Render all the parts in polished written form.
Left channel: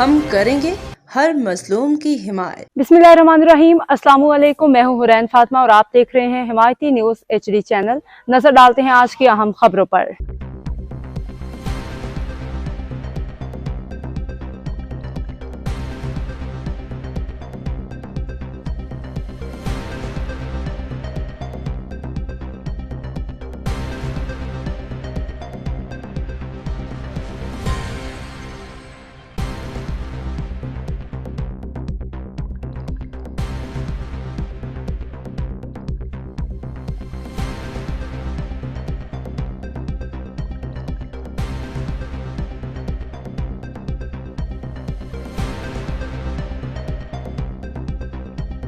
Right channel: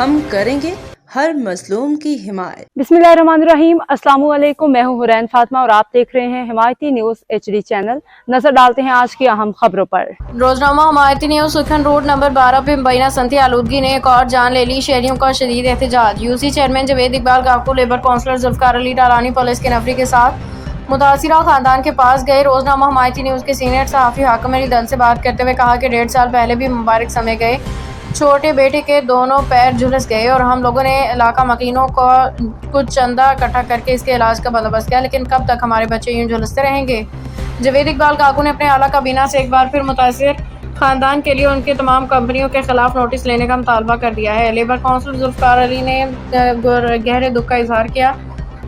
हम करेंगे हर मजलूम की हिमायत। बिस्मिल्लाहिर्रहमानिर्रहीम। अस्सलाम वालेकुम। मैं हूँ हुरैन फातिमा और आप देख रहे हैं हिमायती न्यूज़ HD चैनल। नजर डालते हैं आज की अहम खबरों पर। रोजनामा हिमायती न्यूज़ सुखन रोड नंबर 12 पे मुबैना सनती आलूदगी ने एक और जान ले ली। शहरियों का शदीद एहतजाज। UC chairman Javed Iqbal Kaku, labour councillor Zulfiqar Ali Talani police के नफरी के साथ मुतासिरा खानदान के पास गए। रोजनामा हिमायती न्यूज़ के सीनियर सहाफ़ी हाकिम अली दल से बात करते हुए कहा कि 1.5 साल पहले भी मुबारक समय गए, छोटे बेटे के दोनों पैर झुलस गए और हम लोगों ने इलाका मकीनों को कुछ चंदा इकट्ठा करके इसके इलाज का बंदोबस्त किया, लेकिन कब तक हमारे बच्चे यूं झुलसते रहेंगे। जवेद इकबाल काकू ने अपने आला काबीना से एक बार फिर मुतासिर खानदान के लिए उनकी तमाम कंपनियों के खिलाफ नोटिस लेने का मुतालबा कर दिया है। लेबर काउंसिल जुल्फकार अली ने गहरे दुख का इजहार किया।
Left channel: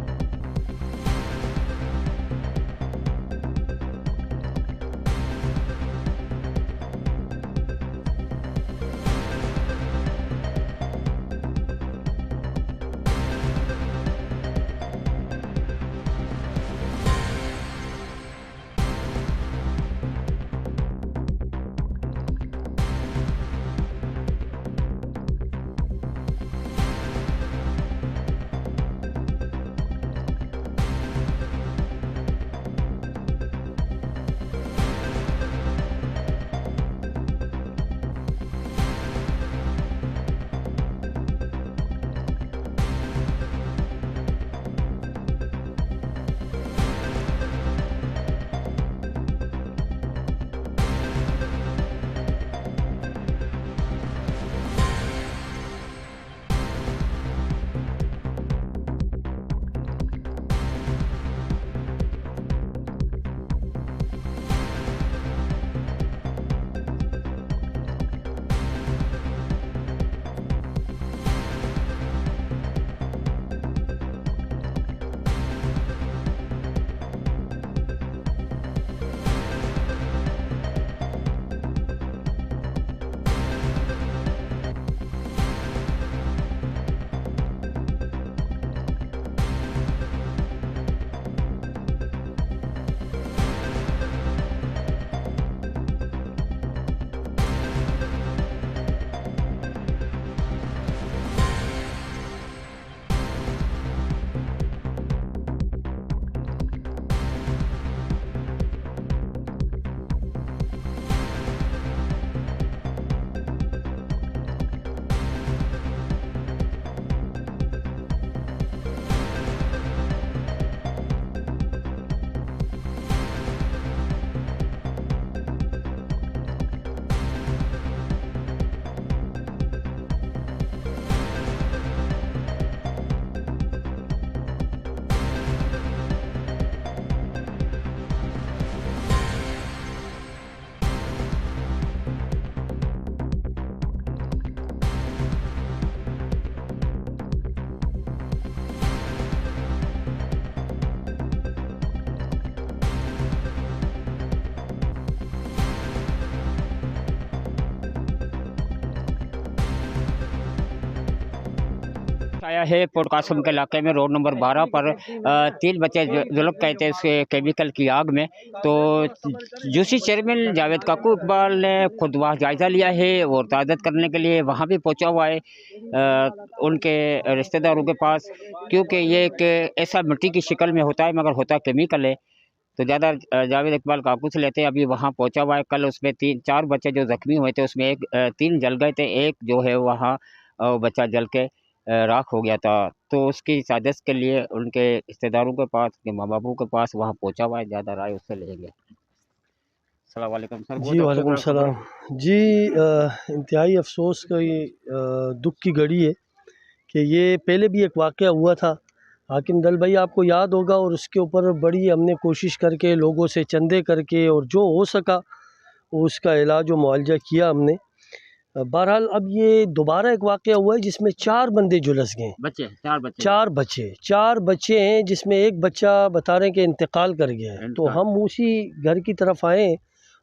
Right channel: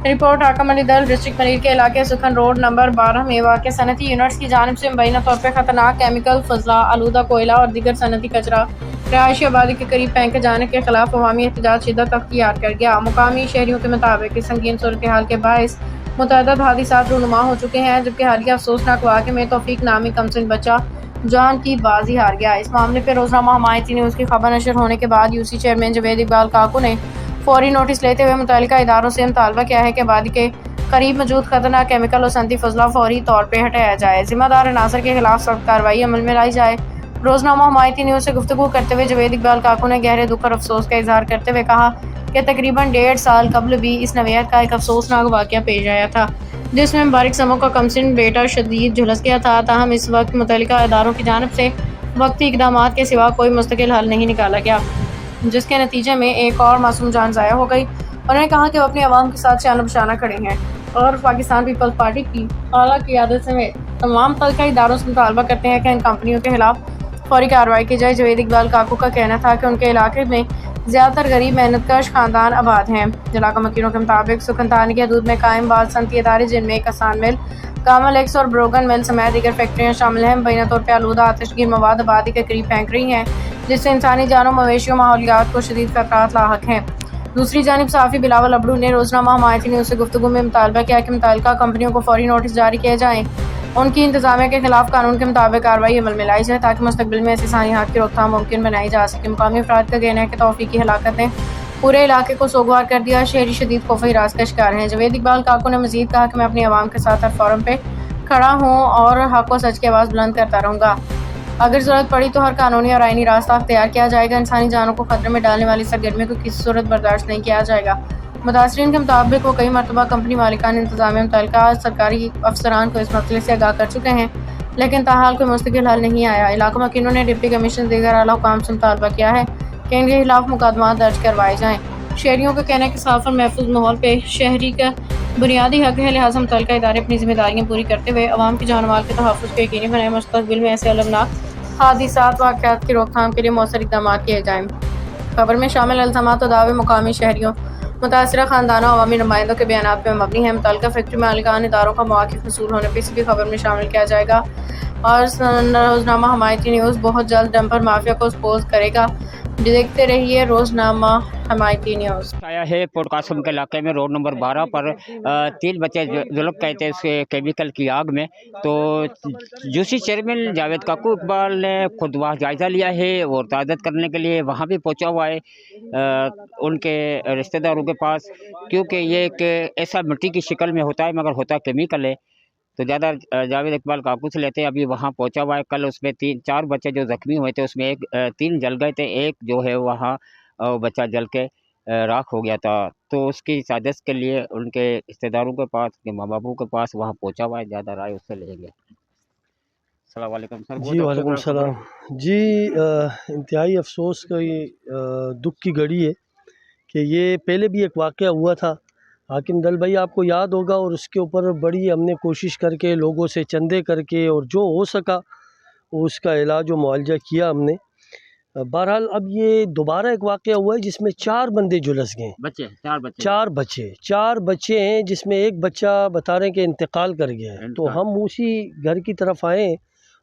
रिपोर्ट हाकिम अली दल। डिस्ट्रिक्ट पनीर के इलाके सुखन रोड नंबर 12 में वाक़ सनती यूनिट्स की जानिब से मुबैना तौर पर खतरनाक केमिकल, फजला, आलूदा कोयला और दीगर सनती कचरा रहायशी आबादी के करीब फेंके जाने के खिलाफ अवामी एहतजाज शिद्दत अख्तियार कर गया। मुकामी शहरियों के मुताबिक इस संगीन सूरत हाल के बायस मुतअद्दिद हादिसात रूनुमा हो चुके हैं, जबकि हालिया अफसोसनाक वाक़े में तौफीक नामी कमसिन बच्चा जान की बाजी हार गया। इस मामले पर रोजनामा हिमायती न्यूज़ की खबर नशर होने के बाद यूसी चेयरमैन जवेद इकबाल काकू ने फौरी नोटिस लेते हुए मुतल्लिका इदारों से मुतालबा किया है कि आबादी के करीब मौजूद खतरनाक केमिकल और सनती फजला फौरी तौर पर हटाया जाए। जिम्मेदार अनासर के खिलाफ सख्त कार्रवाई अमल में लाई जाए। रोजनामा हिमायती न्यूज़ से गुफ्तगू करते हुए जवेद इकबाल काकू ने गहरे दुख और अफसोस का इजहार करते हुए कहा कि तकरीबन 1.5 साल कबल भी इस नवेयत का एक अफसोसनाक वाक़या पेश आया था, जिसमें मुबारक समो का कमसिन बेटा शदीद झुलस गया था। ताहम इस वक्त मुतल्लिका इदारों की जानिब से वक्ती इक़दामात के सिवा कोई मुस्तकिल हल नहीं निकाला गया, जिसके नतीजे में एक और मासूम जान ज़ाया हो गई। उन्होंने कहा कि वो अपनी आवाम के साथ शान बशाना खड़े हैं और पाकिस्तान पीपल्स पार्टी की आला क़ियादत समेत तमाम मुतल्लिका इदारों से मुतालबा करते हैं कि इन कंपनियों के खिलाफ फौरी कार्रवाई की जाए। जवेद इकबाल काकू का कहना था कि उनके इलाके में ज़्यादातर गरीब मेहनतकश खानदान आबाद हैं। इलाका मकीनों के मुताबिक सुखनतानी के हदूद में कायम बाद सनती इदारे, जिनमें कसान मिल, कामल एक्स और ब्रोगन मिल समेत दीगर फैक्ट्रियाँ शामिल हैं, मुबैना तौर पर आलूदा आतिशगीर मवाद आबादी के करीब फेंक रही हैं, जिससे इंसानी जानों, मवेशियों, माहौलियात को शदीद खतरात लाहक हैं। दूसरी जानिब सहाफ़ी बिलावल अबड़ू ने रोजनामा हिमायती न्यूज़ से गुफ्तगू में मुतालबा किया कि मुतल्लिका कंपनियों को फौरी नोटिस जारी किए जाएँ, उनकी इंतजामिया के खिलाफ कानून के मुताबिक कार्रवाई अमल में लाई जाए, ताकि मुस्तकबिल में ऐसे सानियात की रोकथाम मुमकिन बनाई जा सके। मुकामी अफराद का कहना है कि तौफीकी हलाकत ने पूरे इलाके को सोगवार कर दिया। शहरी शदीद खौफ हिरास का शिकार हैं। जवेद इकबाल काकू ने मजीद कहा कि मैं अपनी आवाम के साथ हर फोरम पे खड़ा हूँ और हक व सच की आवाज़ बुलंद करता रहूँगा। अगर ज़रूरत पड़ी तो हर कानूनी और आईनी रास्ता अख्तियार किया जाएगा। इंसानी जानों को खतरे में डालने वाली सरगर्मी को किसी सूरत बर्दाश्त नहीं किया जाएगा। मुतासरीन के मुताबिक वो कई मरतबा कंपनी मालिकान इंतजामिया मुतल्लिका सरकारी अफसरान को इस मसले से आगाह कर चुके हैं, लेकिन ताहाल कोई मुस्तकिल हल नहीं आया। इलाका मकीनों ने डिप्टी कमीशन दीगर आला हुकाम से मुतालबा किया है कि इनके खिलाफ मुकदमा दर्ज करवाए जाएँ। शहरियों का कहना है कि साफ और महफूज माहौल पे शहरी का बुनियादी हक है, लिहाजा मुतल्लिका इदारे अपनी जिम्मेदारियाँ पूरी करते हुए अवाम की जान माल के तहफ़्फ़ुज़ को यकीनी बनाए। मुस्तक़बिल में ऐसे अलमनाक हादिसात वाक़यात की रोकथाम के लिए मौसर इक़दाम किए जाएँ। खबर में शामिल इल्ज़ामात और दावे मुकामी शहरियों, मुतासिरा खानदानों, अवामी नुमाइंदों के बयानात पर मबनी है। मुतल्लिका फैक्ट्री मालिकान इदारों का मौक़िफ़ वसूल होने पर इसी भी खबर में शामिल किया जाएगा और रोजनामा हिमायती न्यूज़ बहुत जल्द डंपर माफिया को एक्सपोज करेगा। देखते रहिए रोजनामा हिमायती न्यूज़। आया है पोटकासम के इलाके में रोड नंबर 12 पर 3 बच्चे झुलस गए थे उसके केमिकल की आग में। तो यूसी चेयरमैन जावेद काकू इकबाल ने खुद वहाँ जायज़ा लिया है और ताज़त करने के लिए वहाँ भी पहुँचा हुआ है उनके रिश्तेदारों के पास, क्योंकि ये एक ऐसा मिट्टी की शक्ल में होता है मगर होता केमिकल है। तो ज़्यादा जावेद इकबाल काकू से लेते हैं। अभी वहाँ पहुँचा हुआ है। कल उसमें 3-4 बच्चे जो ज़ख्मी हुए थे उसमें 3 जल गए थे, एक जो है वहाँ बच्चा जल के राख हो गया था। तो उसकी साजिश के लिए उनके रिश्तेदारों के पास, उनके माँ बापों के पास वहाँ पहुँचा हुआ है। ज़्यादा राय उससे लेंगे। अस्सलाम वालेकुम सर। जी वालेकुम सलाम जी। इंतहाई अफसोस की दुख की घड़ी है कि ये पहले भी एक वाक़या हुआ था। हाकिम दल भाई आपको याद होगा, और उसके ऊपर बड़ी हमने कोशिश करके लोगों से चंदे करके और जो हो सका उसका इलाज व मुआवजा किया हमने। बहरहाल अब ये दोबारा एक वाक़या हुआ है जिसमें 4 बंदे झुलस गए। बच्चे 4 बच्चे 4 बच्चे हैं, जिसमें एक बच्चा बता रहे हैं कि इंतकाल कर गया है। तो हम उसी घर की तरफ आए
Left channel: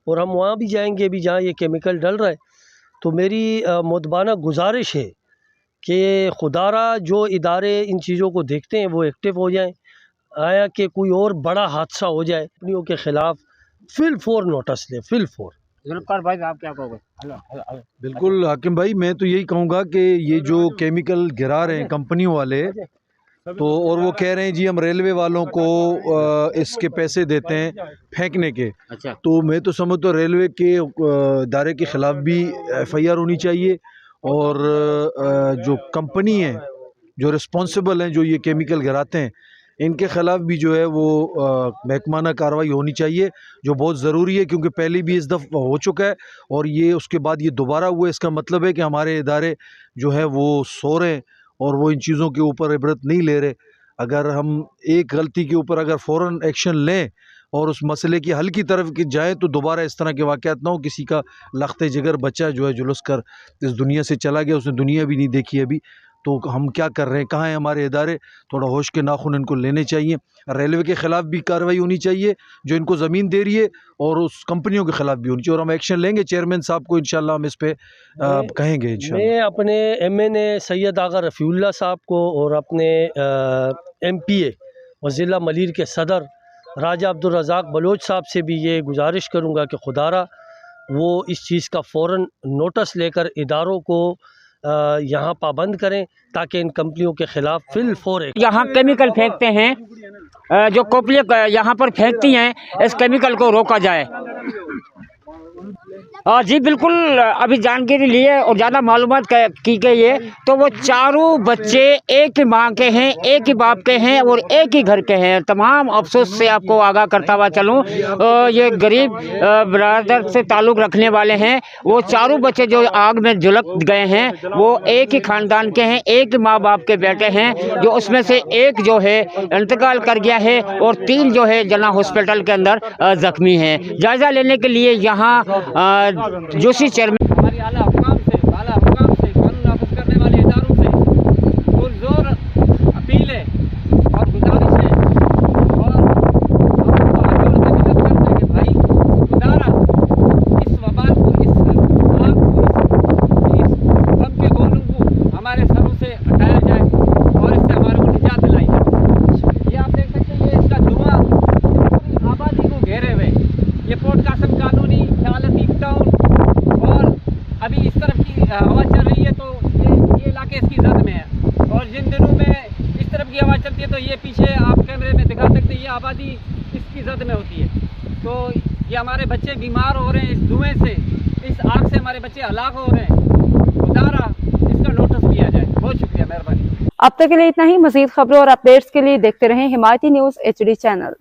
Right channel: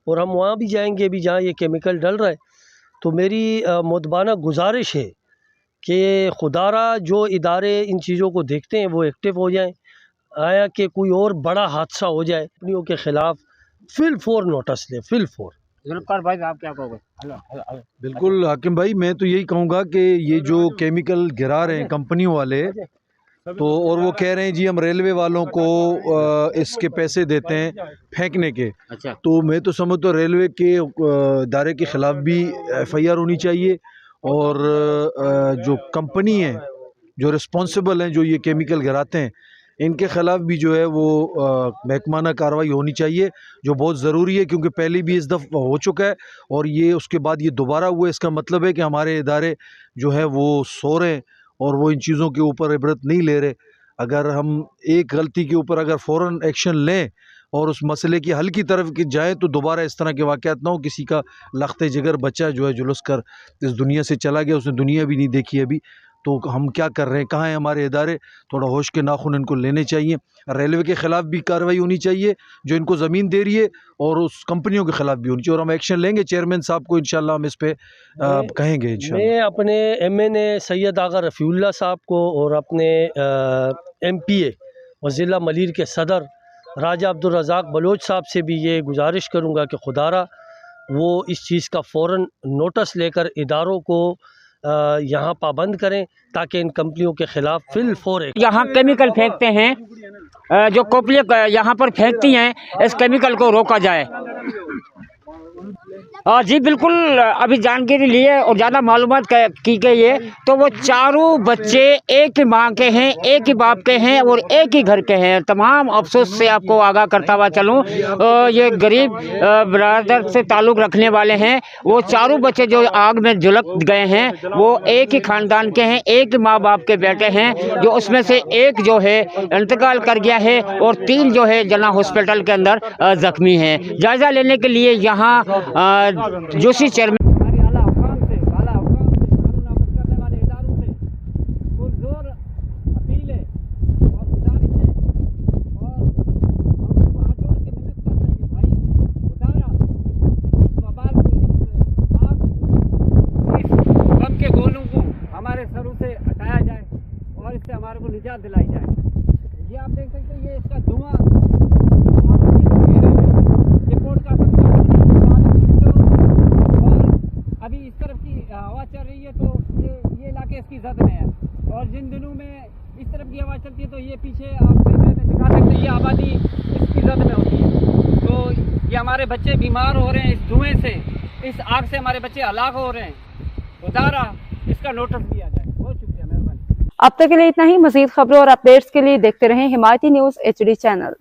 और हम वहाँ भी जाएंगे अभी जहाँ ये केमिकल डल रहा है। तो मेरी मुतबाना गुजारिश है कि खुदारा जो इदारे इन चीज़ों को देखते हैं वो एक्टिव हो जाएं। आया कि कोई और बड़ा हादसा हो जाए, कंपनियों के ख़िलाफ़ फिल फोर नोटिस ले, फिल फोर जुल्फकार भाई आप क्या कहोगे? Hello hello hello. बिल्कुल हाकिम भाई, मैं तो यही कहूँगा कि ये जो केमिकल गिरा रहे हैं कंपनियों वाले, तो और वो कह रहे हैं जी हम रेलवे वालों को इसके पैसे देते हैं फेंकने के, अच्छा, तो मैं तो समझता हूँ रेलवे के दायरे के ख़िलाफ़ भी FIR होनी चाहिए, और जो कंपनी है, जो रिस्पॉन्सिबल हैं, जो ये केमिकल गिराते हैं, इनके ख़िलाफ़ भी जो है वो महकमाना कार्रवाई होनी चाहिए, जो बहुत ज़रूरी है, क्योंकि पहले भी इस दफ़ा हो चुका है और ये उसके बाद ये दोबारा हुआ। इसका मतलब है कि हमारे इदारे जो है वो सो रहे हैं और वो इन चीज़ों के ऊपर इबरत नहीं ले रहे। अगर हम एक गलती के ऊपर अगर फ़ौरन एक्शन लें और उस मसले की हल की तरफ जाएँ, तो दोबारा इस तरह के वाक़यात ना हो। किसी का लख्ते जिगर बच्चा जो है झुलस कर इस दुनिया से चला गया, उसने दुनिया भी नहीं देखी अभी, तो हम क्या कर रहे हैं, कहाँ हैं हमारे इदारे? थोड़ा होश के नाखून इनको लेने चाहिए। रेलवे के ख़िलाफ़ भी कार्रवाई होनी चाहिए जो इनको ज़मीन दे रही है, और उस कंपनियों के ख़िलाफ़ भी होनी चाहिए, और हम एक्शन लेंगे। चेयरमैन साहब को इंशाल्लाह हम इस पे कहेंगे इंशाल्लाह। मैं अपने MNA सैयद आगा रफ़ीउल्लाह साहब को और अपने MPA और ज़िला मलीर के सदर राजा अब्दुल रज़ाक बलोच साहब से भी ये गुजारिश करूँगा कि खुदारा वो इस चीज़ का फ़ौरन नोटिस लेकर इदारों को यहाँ पाबंद करें, ताकि इन कंपनियों के ख़िलाफ़ फिलफौर यहाँ केमिकल फेंकते हैं, जो कोपलियाँ यहाँ पर फेंकती हैं, इस केमिकल को रोका जाए। जी बिल्कुल, अभी जानकारी लिए और ज़्यादा मालूमात की गई है, तो वो चारों बच्चे एक ही माँ के हैं, एक ही बाप के हैं और एक ही घर के हैं। तमाम अफसोस से आपको आगाह करता हुआ चलूँ, ये गरीब बरादर से ताल्लुक़ रखने वाले हैं। वो चारों बच्चे जो आग में झुलस गए हैं, वो एक ही ख़ानदान के हैं, एक ही माँ बाप के बेटे हैं, जो उसमें से एक जो है इंतकाल कर गया है और 3 जो है जना हॉस्पिटल के अंदर ज़ख्मी हैं। जायज़ा लेने के लिए यहाँ जोशी चेयरमैन हमारी आला हुकाम से कानून नाफिज करने वाले इदारों से पुरजोर अपील है और गुजारिश है, और हम हाथ जोड़ के मदद करते हैं कि भाई खुदारा इस वबाल को, इस आग को, इस गम के गोलों को हमारे सरों से हटाया जाए और इससे हमारे को निजात दिलाई जाए। ये आप देख सकते हैं, ये इसका धुआं आबादी को घेरे हुए, ये पोर्ट कासिम कॉलोनी, और अभी इस तरफ की हवा चल रही है, तो ये इलाके इसकी जद में है, और जिन दिनों में इस तरफ की हवा चलती है तो ये पीछे आप कैमरे में दिखा सकते हैं, ये आबादी इसकी जद में होती है। तो ये हमारे बच्चे बीमार हो रहे हैं इस धुएं से, इस आग से हमारे बच्चे हलाक हो रहे हैं। खुदारा इसका नोटिस किया जाए। बहुत शुक्रिया, मेहरबानी। अब तक के लिए इतना ही। मज़ीद खबरों और अपडेट्स के लिए देखते रहें हिमायती न्यूज़ HD चैनल।